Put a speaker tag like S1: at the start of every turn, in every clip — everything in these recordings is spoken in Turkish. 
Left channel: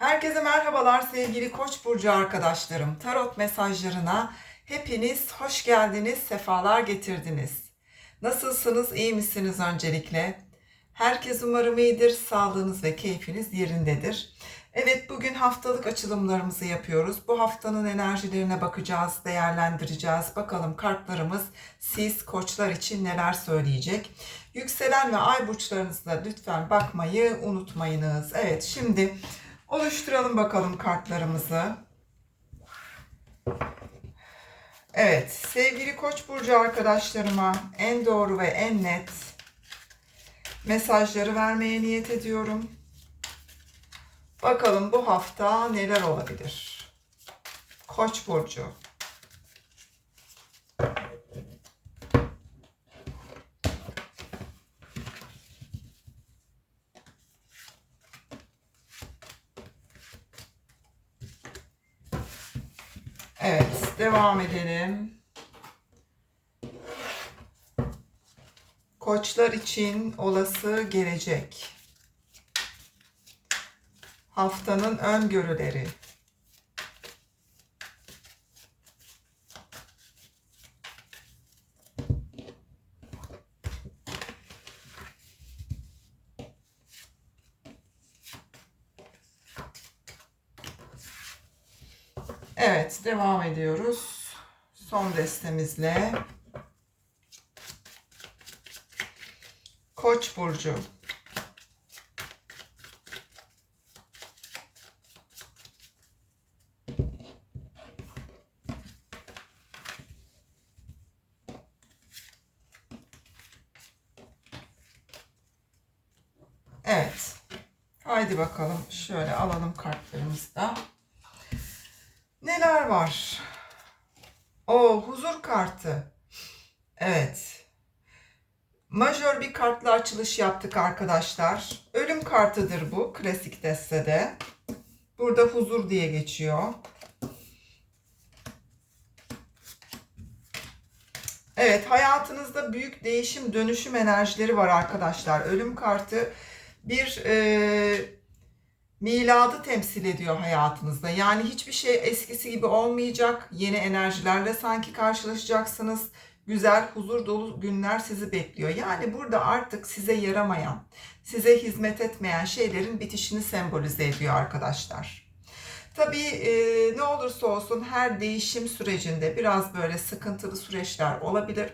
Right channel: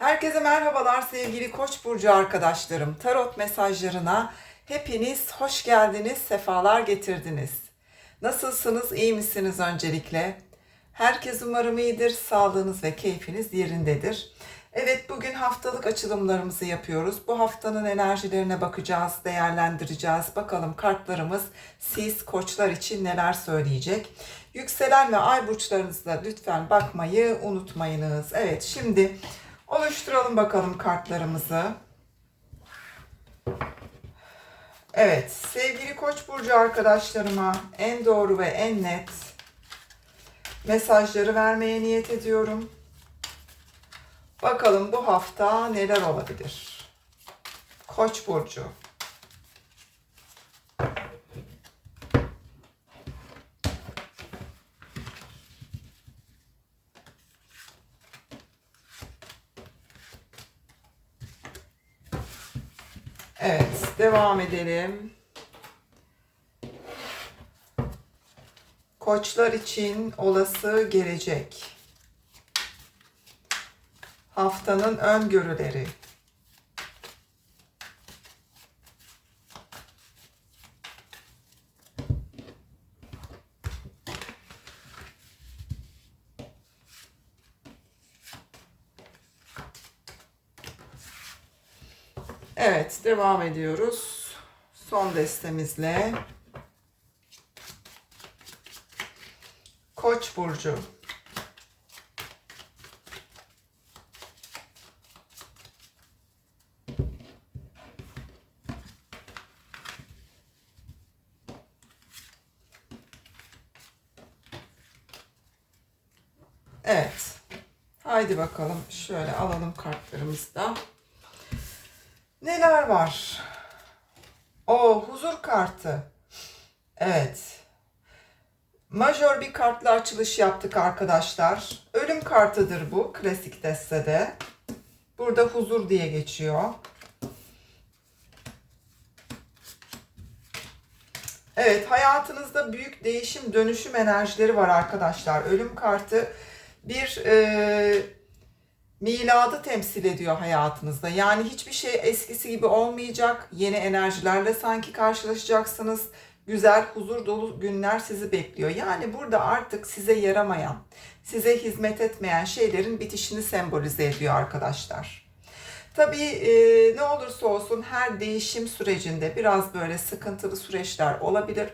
S1: Herkese merhabalar sevgili Koç burcu arkadaşlarım. Tarot mesajlarına hepiniz hoş geldiniz, sefalar getirdiniz. Nasılsınız, iyi misiniz öncelikle? Herkes umarım iyidir, sağlığınız ve keyfiniz yerindedir. Evet, bugün haftalık açılımlarımızı yapıyoruz. Bu haftanın enerjilerine bakacağız, değerlendireceğiz. Bakalım kartlarımız siz koçlar için neler söyleyecek. Yükselen ve ay burçlarınızda lütfen bakmayı unutmayınız. Evet, şimdi oluşturalım bakalım kartlarımızı. Evet, sevgili Koç burcu arkadaşlarıma en doğru ve en net mesajları vermeye niyet ediyorum. Bakalım bu hafta neler olabilir? Koç burcu. Evet, devam edelim. Koçlar için olası gelecek. Haftanın öngörüleri. Evet, devam ediyoruz. Son destemizle. Koç burcu. Evet. Haydi bakalım şöyle alalım kartlarımızı da. Neler var? O huzur kartı. Evet. Majör bir kartla açılış yaptık arkadaşlar. Ölüm kartıdır bu klasik destede. Burada huzur diye geçiyor. Evet hayatınızda büyük değişim dönüşüm enerjileri var arkadaşlar. Ölüm kartı bir e, miladı temsil ediyor hayatınızda. Yani hiçbir şey eskisi gibi olmayacak. Yeni enerjilerle sanki karşılaşacaksınız. Güzel, huzur dolu günler sizi bekliyor. Yani burada artık size yaramayan, size hizmet etmeyen şeylerin bitişini sembolize ediyor arkadaşlar. Tabii e, ne olursa olsun her değişim sürecinde biraz böyle sıkıntılı süreçler olabilir.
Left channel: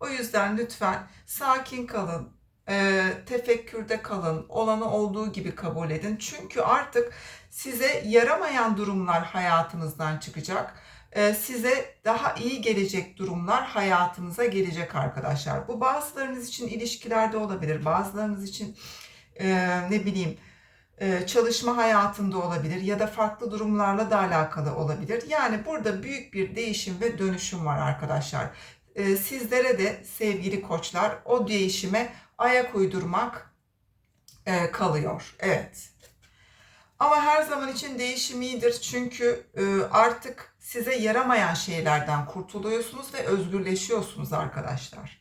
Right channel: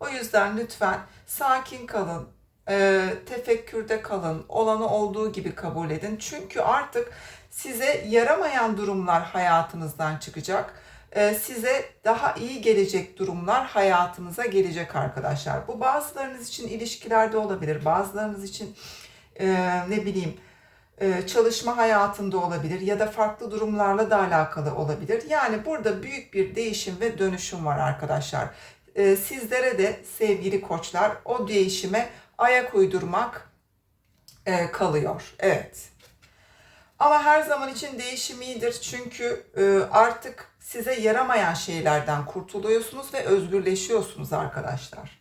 S1: O yüzden lütfen sakin kalın, e, tefekkürde kalın, olanı olduğu gibi kabul edin. Çünkü artık size yaramayan durumlar hayatınızdan çıkacak. E, size daha iyi gelecek durumlar hayatınıza gelecek arkadaşlar. Bu bazılarınız için ilişkilerde olabilir, bazılarınız için e, ne bileyim e, çalışma hayatında olabilir ya da farklı durumlarla da alakalı olabilir. Yani burada büyük bir değişim ve dönüşüm var arkadaşlar. E, sizlere de sevgili koçlar o değişime ayak uydurmak e, kalıyor. Evet. Ama her zaman için değişim iyidir. Çünkü e, artık size yaramayan şeylerden kurtuluyorsunuz ve özgürleşiyorsunuz arkadaşlar.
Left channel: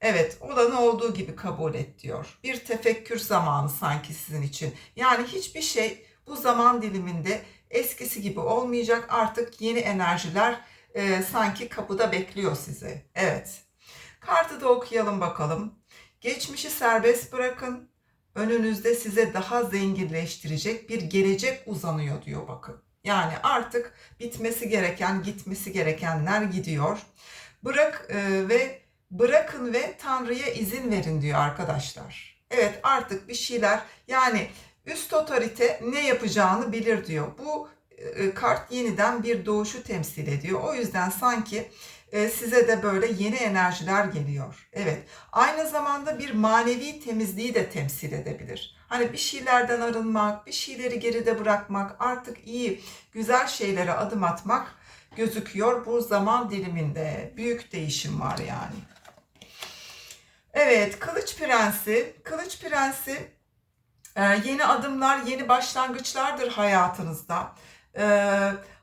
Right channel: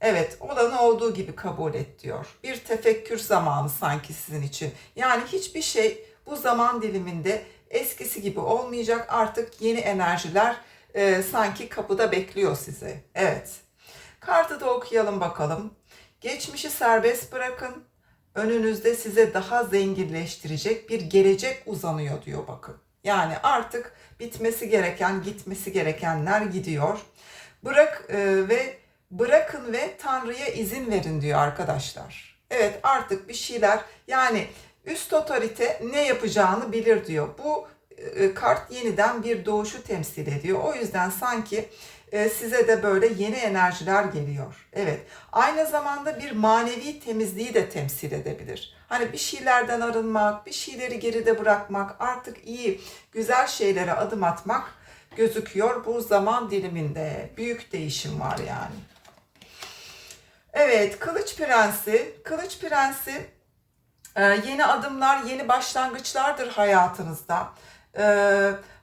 S1: Evet, olanı olduğu gibi kabul et diyor. Bir tefekkür zamanı sanki sizin için. Yani hiçbir şey bu zaman diliminde eskisi gibi olmayacak. Artık yeni enerjiler e, sanki kapıda bekliyor sizi. Evet. Kartı da okuyalım bakalım. Geçmişi serbest bırakın. Önünüzde size daha zenginleştirecek bir gelecek uzanıyor diyor bakın. Yani artık bitmesi gereken, gitmesi gerekenler gidiyor. Bırak e, ve bırakın ve Tanrı'ya izin verin diyor arkadaşlar. Evet artık bir şeyler yani üst otorite ne yapacağını bilir diyor. Bu e, kart yeniden bir doğuşu temsil ediyor. O yüzden sanki size de böyle yeni enerjiler geliyor. Evet. Aynı zamanda bir manevi temizliği de temsil edebilir. Hani bir şeylerden arınmak, bir şeyleri geride bırakmak, artık iyi, güzel şeylere adım atmak gözüküyor bu zaman diliminde. Büyük değişim var yani. Evet, Kılıç Prensi. Kılıç Prensi e, yeni adımlar, yeni başlangıçlardır hayatınızda. E,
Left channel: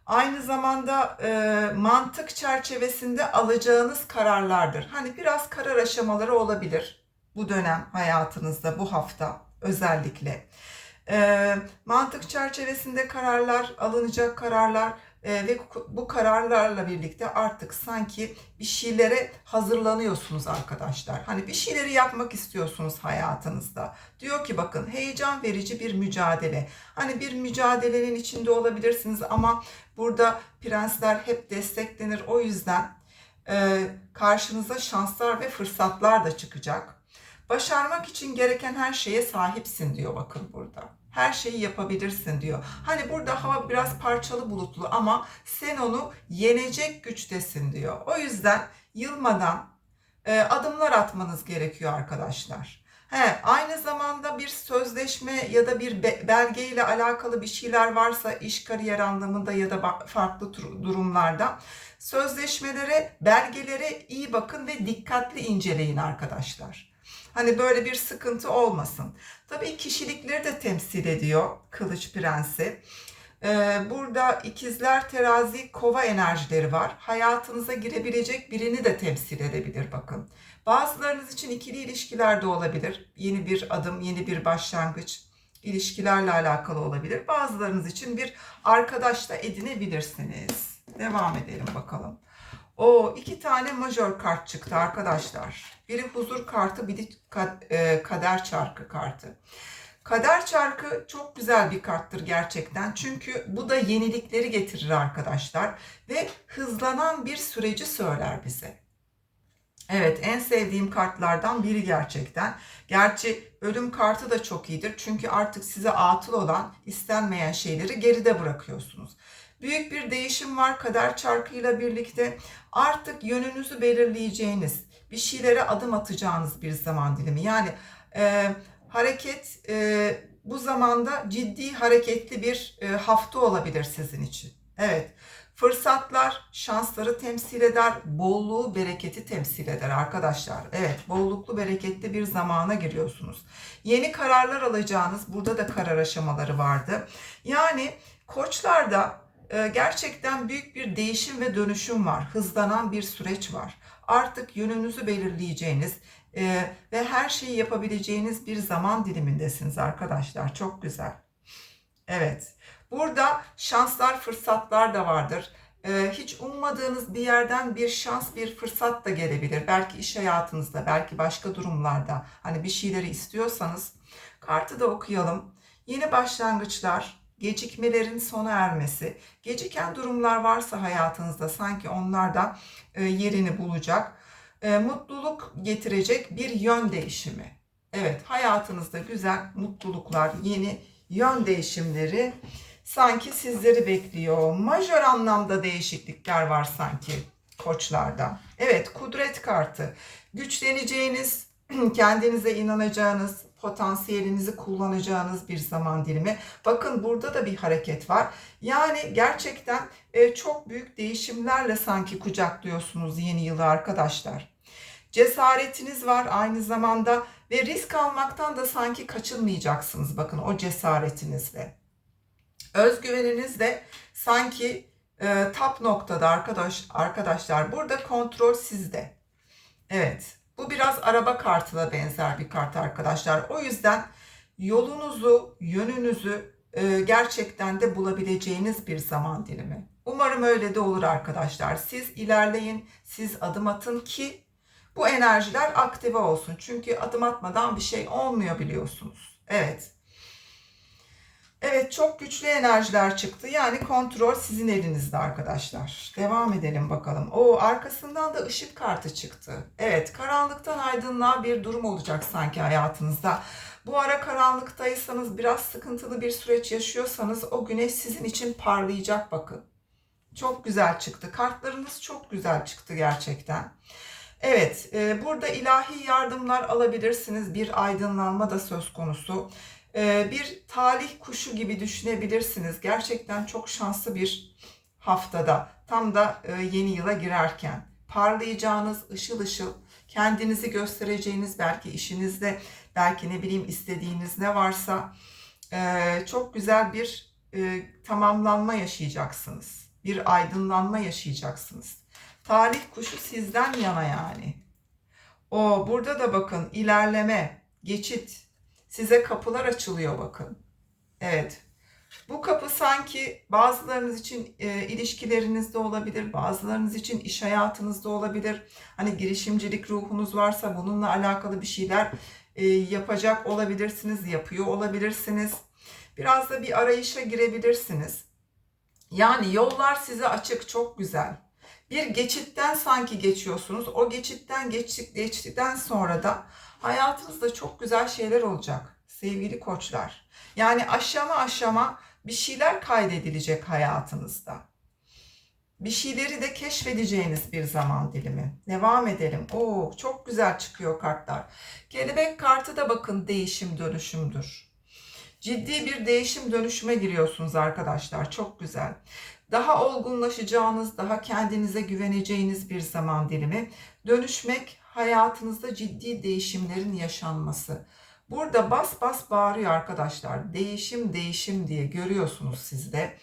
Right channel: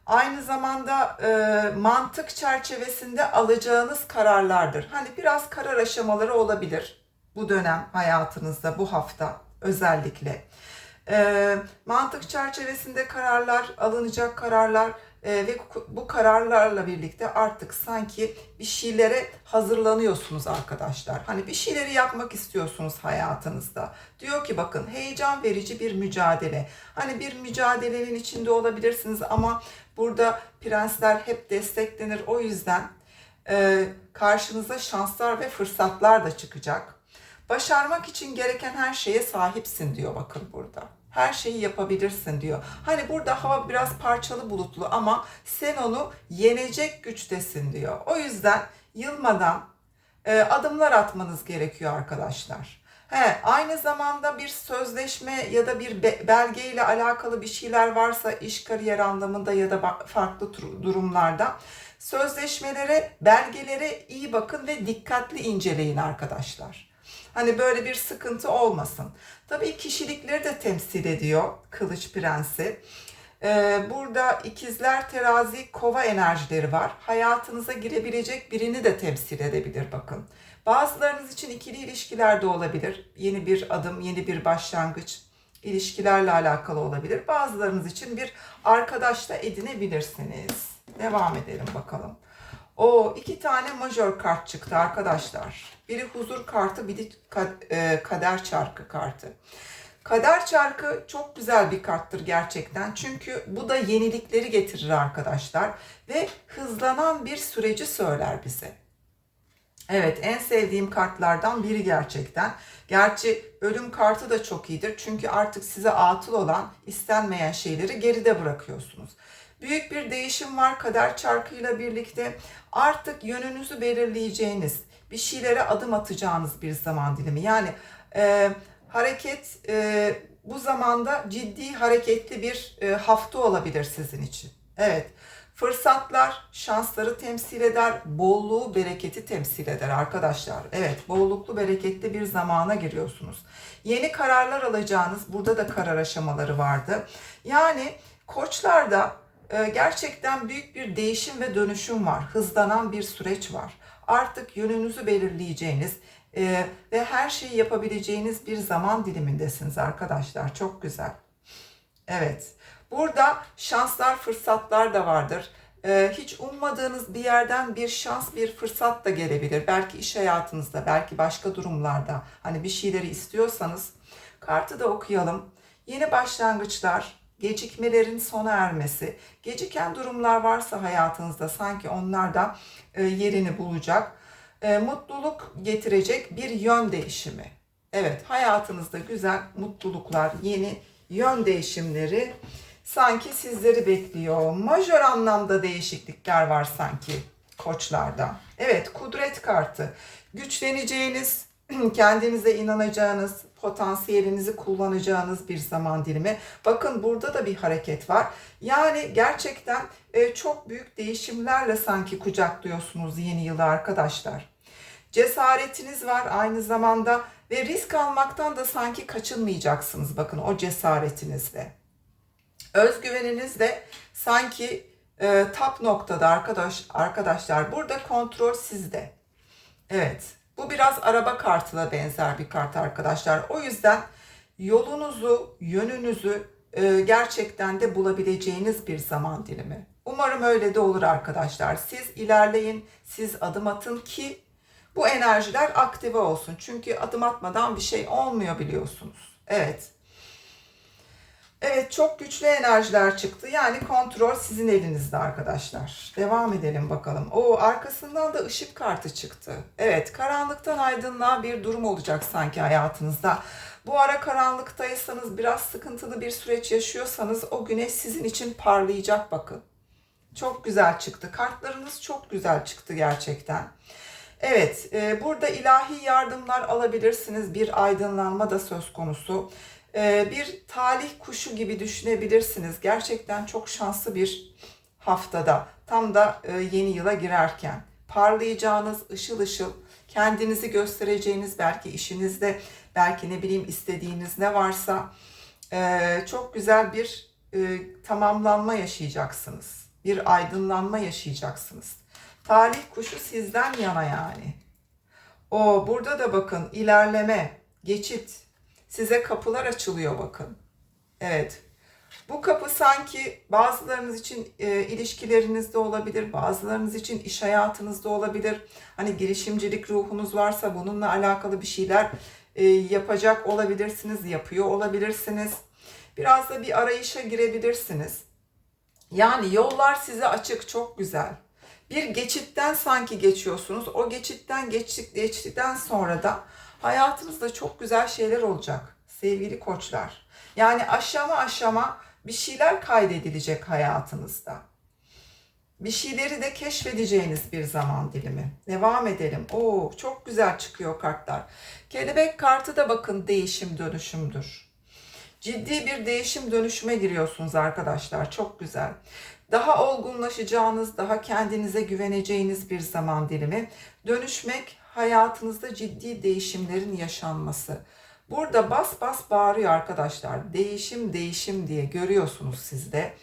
S1: aynı zamanda e, mantık çerçevesinde alacağınız kararlardır. Hani biraz karar aşamaları olabilir bu dönem hayatınızda, bu hafta özellikle. Ee, mantık çerçevesinde kararlar, alınacak kararlar e, ve bu kararlarla birlikte artık sanki bir şeylere hazırlanıyorsunuz arkadaşlar. Hani bir şeyleri yapmak istiyorsunuz hayatınızda. Diyor ki bakın heyecan verici bir mücadele. Hani bir mücadelenin içinde olabilirsiniz ama burada prensler hep desteklenir. O yüzden e, karşınıza şanslar ve fırsatlar da çıkacak. Başarmak için gereken her şeye sahipsin diyor bakın burada. Her şeyi yapabilirsin diyor. Hani burada hava biraz parçalı bulutlu ama sen onu yenecek güçtesin diyor. O yüzden yılmadan e, adımlar atmanız gerekiyor arkadaşlar. He, aynı zamanda bir sözleşme ya da bir be- belge ile alakalı bir şeyler varsa iş kariyer anlamında ya da farklı durumlarda sözleşmelere, belgelere iyi bakın ve dikkatli inceleyin arkadaşlar. Hani böyle bir sıkıntı olmasın. Tabii kişilikleri de temsil ediyor Kılıç Prensi. Ee, burada ikizler, terazi, kova enerjileri var. Hayatınıza girebilecek birini de temsil edebilir bakın. Bazılarınız için ikili ilişkiler de olabilir. Yeni bir adım, yeni bir başlangıç ilişkilerle alakalı olabilir. Bazılarınız için bir arkadaş da edinebilirsiniz. Devam edelim bakalım. O iki tane majör kart çıktı arkadaşlar. Biri huzur kartı, biri e, kader çarkı kartı. Kader çarkı çok güzel bir karttır gerçekten. Çünkü bu da yenilikleri getirir arkadaşlar ve hızlanan bir süreci söyler bize. Evet, en sevdiğim kartlardan biri gerçekten. Gerçi ölüm kartı da çok iyidir. Çünkü artık size atıl olan, istenmeyen şeyleri geride bırakıyorsunuz. Büyük bir değişim var kader çarkıyla birlikte. Artık yönünüzü belirleyeceğiniz, bir şeylere adım atacağınız bir zaman dilimi. Yani e, hareket e, bu zamanda ciddi hareketli bir e, hafta olabilir sizin için. Evet. Fırsatlar şansları temsil eder, bolluğu, bereketi temsil eder arkadaşlar. Evet, bolluklu, bereketli bir zamana giriyorsunuz. Yeni kararlar alacağınız, burada da karar aşamaları vardı. Yani koçlarda gerçekten büyük bir değişim ve dönüşüm var. Hızlanan bir süreç var. Artık yönünüzü belirleyeceğiniz e, ve her şeyi yapabileceğiniz bir zaman dilimindesiniz arkadaşlar. Çok güzel. Evet. Burada şanslar, fırsatlar da vardır. Ee, hiç ummadığınız bir yerden bir şans, bir fırsat da gelebilir. Belki iş hayatınızda, belki başka durumlarda. Hani bir şeyleri istiyorsanız kartı da okuyalım. Yeni başlangıçlar, gecikmelerin sona ermesi, geciken durumlar varsa hayatınızda sanki onlar da e, yerini bulacak. E, mutluluk getirecek bir yön değişimi. Evet, hayatınızda güzel mutluluklar, yeni yön değişimleri sanki sizleri bekliyor. Majör anlamda değişiklikler var sanki koçlarda. Evet, kudret kartı. Güçleneceğiniz, kendinize inanacağınız, potansiyelinizi kullanacağınız bir zaman dilimi. Bakın burada da bir hareket var. Yani gerçekten e, çok büyük değişimlerle sanki kucaklıyorsunuz yeni yılı arkadaşlar. Cesaretiniz var aynı zamanda ve risk almaktan da sanki kaçınmayacaksınız bakın o cesaretinizle. Özgüveniniz de sanki e, tap noktada arkadaş arkadaşlar. Burada kontrol sizde. Evet. Bu biraz araba kartına benzer bir kart arkadaşlar. O yüzden yolunuzu, yönünüzü e, gerçekten de bulabileceğiniz bir zaman dilimi. Umarım öyle de olur arkadaşlar. Siz ilerleyin, siz adım atın ki bu enerjiler aktive olsun. Çünkü adım atmadan bir şey olmuyor biliyorsunuz. Evet. Evet çok güçlü enerjiler çıktı. Yani kontrol sizin elinizde arkadaşlar. Devam edelim bakalım. O arkasından da ışık kartı çıktı. Evet karanlıktan aydınlığa bir durum olacak sanki hayatınızda. Bu ara karanlıktaysanız biraz sıkıntılı bir süreç yaşıyorsanız o güneş sizin için parlayacak bakın. Çok güzel çıktı. Kartlarınız çok güzel çıktı gerçekten. Evet, e, burada ilahi yardımlar alabilirsiniz. Bir aydınlanma da söz konusu. E, bir talih kuşu gibi düşünebilirsiniz. Gerçekten çok şanslı bir haftada. Tam da e, yeni yıla girerken. Parlayacağınız ışıl ışıl, kendinizi göstereceğiniz belki işinizde, belki ne bileyim istediğiniz ne varsa e, çok güzel bir e, tamamlanma yaşayacaksınız. Bir aydınlanma yaşayacaksınız. Talih kuşu sizden yana yani. O burada da bakın ilerleme, geçit. Size kapılar açılıyor bakın. Evet. Bu kapı sanki bazılarınız için e, ilişkilerinizde olabilir, bazılarınız için iş hayatınızda olabilir. Hani girişimcilik ruhunuz varsa bununla alakalı bir şeyler e, yapacak olabilirsiniz, yapıyor olabilirsiniz. Biraz da bir arayışa girebilirsiniz. Yani yollar size açık, çok güzel. Bir geçitten sanki geçiyorsunuz. O geçitten geçtik, geçtikten sonra da hayatınızda çok güzel şeyler olacak sevgili koçlar. Yani aşama aşama bir şeyler kaydedilecek hayatınızda. Bir şeyleri de keşfedeceğiniz bir zaman dilimi. Devam edelim. Oo çok güzel çıkıyor kartlar. Kelebek kartı da bakın değişim dönüşümdür. Ciddi bir değişim dönüşüme giriyorsunuz arkadaşlar. Çok güzel. Daha olgunlaşacağınız, daha kendinize güveneceğiniz bir zaman dilimi. Dönüşmek hayatınızda ciddi değişimlerin yaşanması. Burada bas bas bağırıyor arkadaşlar. Değişim değişim diye görüyorsunuz siz de.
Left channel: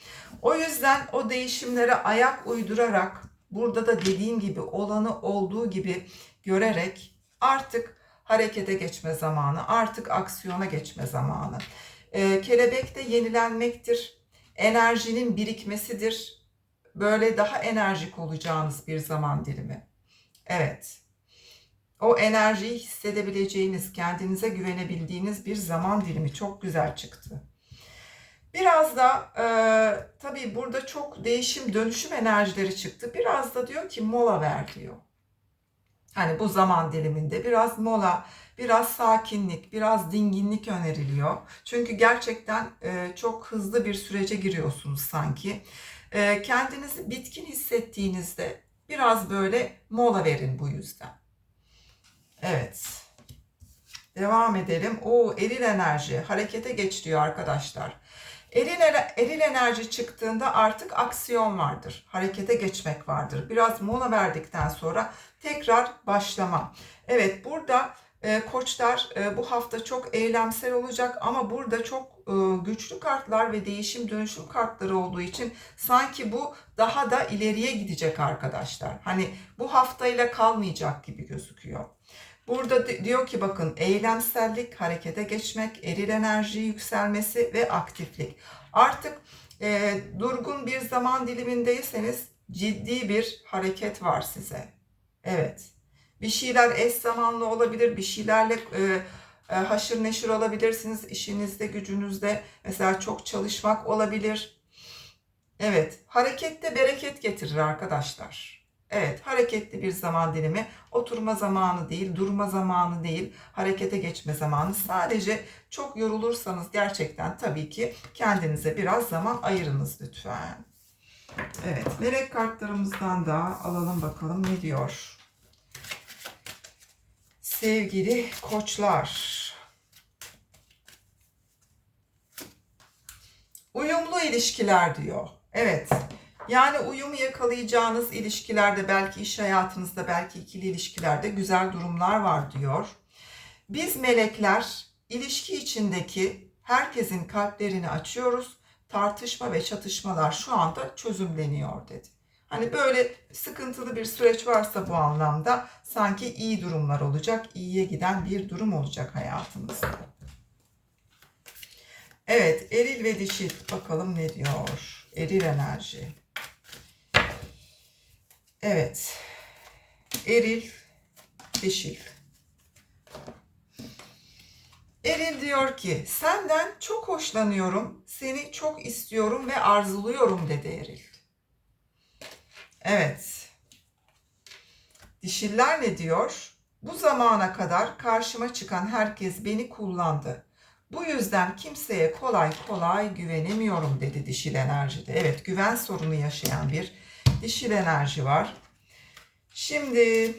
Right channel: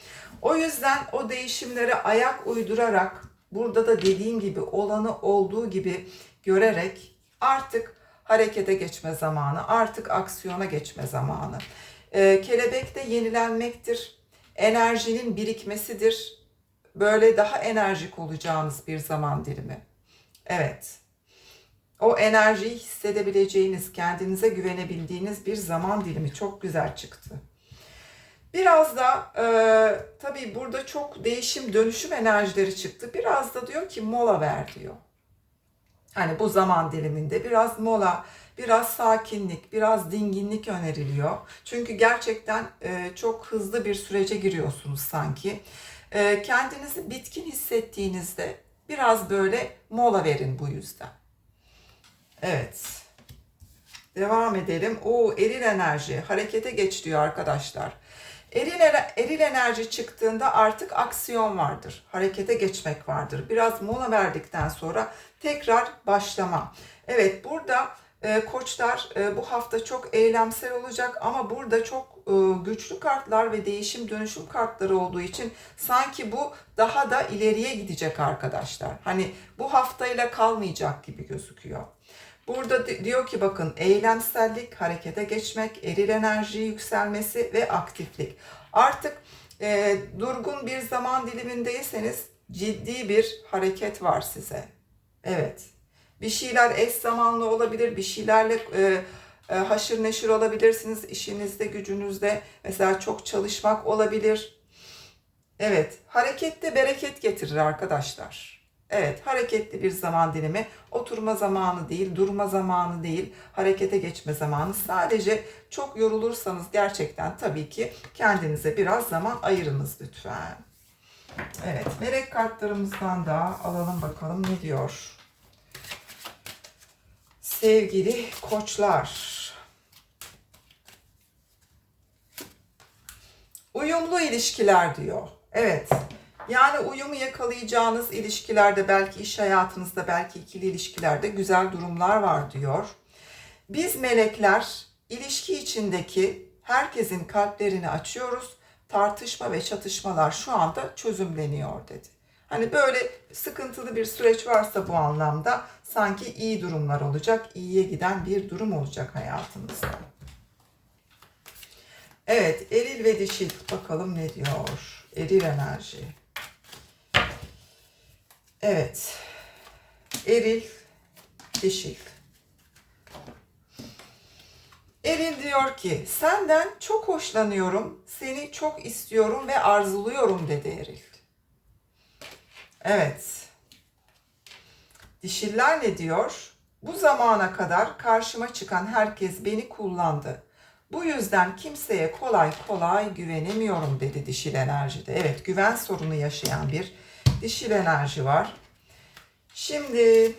S1: O yüzden o değişimlere ayak uydurarak burada da dediğim gibi olanı olduğu gibi görerek artık harekete geçme zamanı, artık aksiyona geçme zamanı. Ee, kelebek de yenilenmektir. Enerjinin birikmesidir. Böyle daha enerjik olacağınız bir zaman dilimi. Evet o enerjiyi hissedebileceğiniz, kendinize güvenebildiğiniz bir zaman dilimi çok güzel çıktı. Biraz da e, tabii burada çok değişim, dönüşüm enerjileri çıktı. Biraz da diyor ki mola ver diyor. Hani bu zaman diliminde biraz mola, biraz sakinlik, biraz dinginlik öneriliyor. Çünkü gerçekten e, çok hızlı bir sürece giriyorsunuz sanki. E, kendinizi bitkin hissettiğinizde biraz böyle mola verin bu yüzden. Evet. Devam edelim. O eril enerji harekete geç diyor arkadaşlar. Eril, eril enerji çıktığında artık aksiyon vardır. Harekete geçmek vardır. Biraz mola verdikten sonra tekrar başlama. Evet burada e, koçlar e, bu hafta çok eylemsel olacak ama burada çok e, güçlü kartlar ve değişim dönüşüm kartları olduğu için sanki bu daha da ileriye gidecek arkadaşlar. Hani bu haftayla kalmayacak gibi gözüküyor. Burada diyor ki bakın eylemsellik, harekete geçmek, eril enerji yükselmesi ve aktiflik. Artık e, durgun bir zaman dilimindeyseniz ciddi bir hareket var size. Evet. Bir şeyler eş zamanlı olabilir, bir şeylerle e, e, haşır neşir olabilirsiniz işinizde, gücünüzde. Mesela çok çalışmak olabilir. Evet, harekette bereket getirir arkadaşlar. Evet, hareketli bir zaman dilimi. Oturma zamanı değil, durma zamanı değil, harekete geçme zamanı. Sadece çok yorulursanız gerçekten tabii ki kendinize biraz zaman ayırınız lütfen. Evet, melek kartlarımızdan da alalım bakalım ne diyor. Sevgili koçlar. Uyumlu ilişkiler diyor. Evet. Yani uyumu yakalayacağınız ilişkilerde belki iş hayatınızda belki ikili ilişkilerde güzel durumlar var diyor. Biz melekler ilişki içindeki herkesin kalplerini açıyoruz. Tartışma ve çatışmalar şu anda çözümleniyor dedi. Hani böyle sıkıntılı bir süreç varsa bu anlamda sanki iyi durumlar olacak, iyiye giden bir durum olacak hayatınızda. Evet, eril ve dişil bakalım ne diyor? Eril enerji. Evet. Eril, dişil. Eril diyor ki senden çok hoşlanıyorum, seni çok istiyorum ve arzuluyorum dedi Eril. Evet. Dişiller ne diyor? Bu zamana kadar karşıma çıkan herkes beni kullandı. Bu yüzden kimseye kolay kolay güvenemiyorum dedi dişil enerjide. Evet güven sorunu yaşayan bir dişil enerji var. Şimdi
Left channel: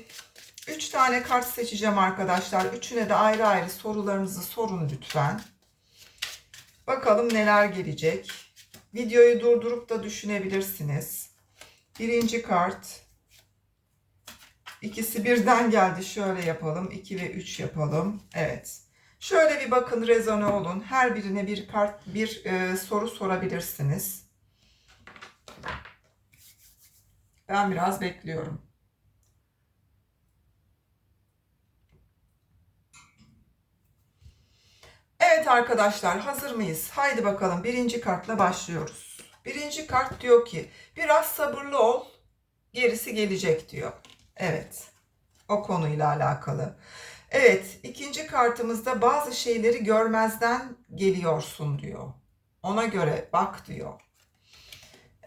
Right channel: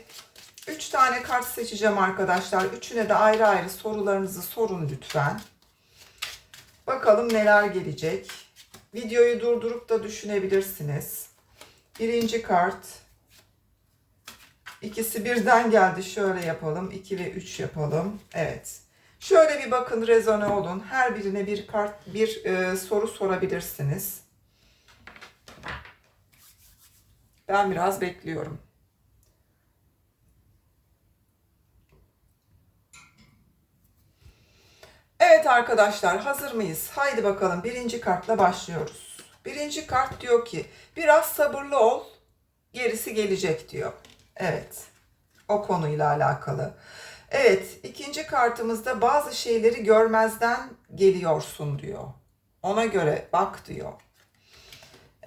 S1: 3 tane kart seçeceğim arkadaşlar. Üçüne de ayrı ayrı sorularınızı sorun lütfen. Bakalım neler gelecek. Videoyu durdurup da düşünebilirsiniz. Birinci kart. İkisi birden geldi. Şöyle yapalım. 2 ve 3 yapalım. Evet. Şöyle bir bakın rezone olun. Her birine bir kart, bir e, soru sorabilirsiniz. Ben biraz bekliyorum. Evet arkadaşlar hazır mıyız? Haydi bakalım birinci kartla başlıyoruz. Birinci kart diyor ki biraz sabırlı ol gerisi gelecek diyor. Evet o konuyla alakalı. Evet ikinci kartımızda bazı şeyleri görmezden geliyorsun diyor. Ona göre bak diyor.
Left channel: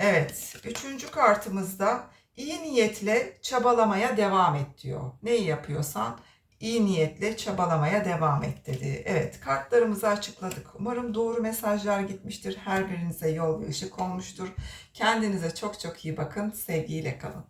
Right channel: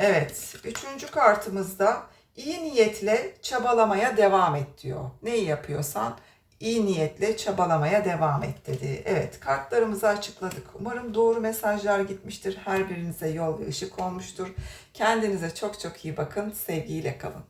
S1: Evet üçüncü kartımızda iyi niyetle çabalamaya devam et diyor. Neyi yapıyorsan iyi niyetle çabalamaya devam et dedi. Evet kartlarımızı açıkladık. Umarım doğru mesajlar gitmiştir. Her birinize yol ve ışık olmuştur. Kendinize çok çok iyi bakın. Sevgiyle kalın.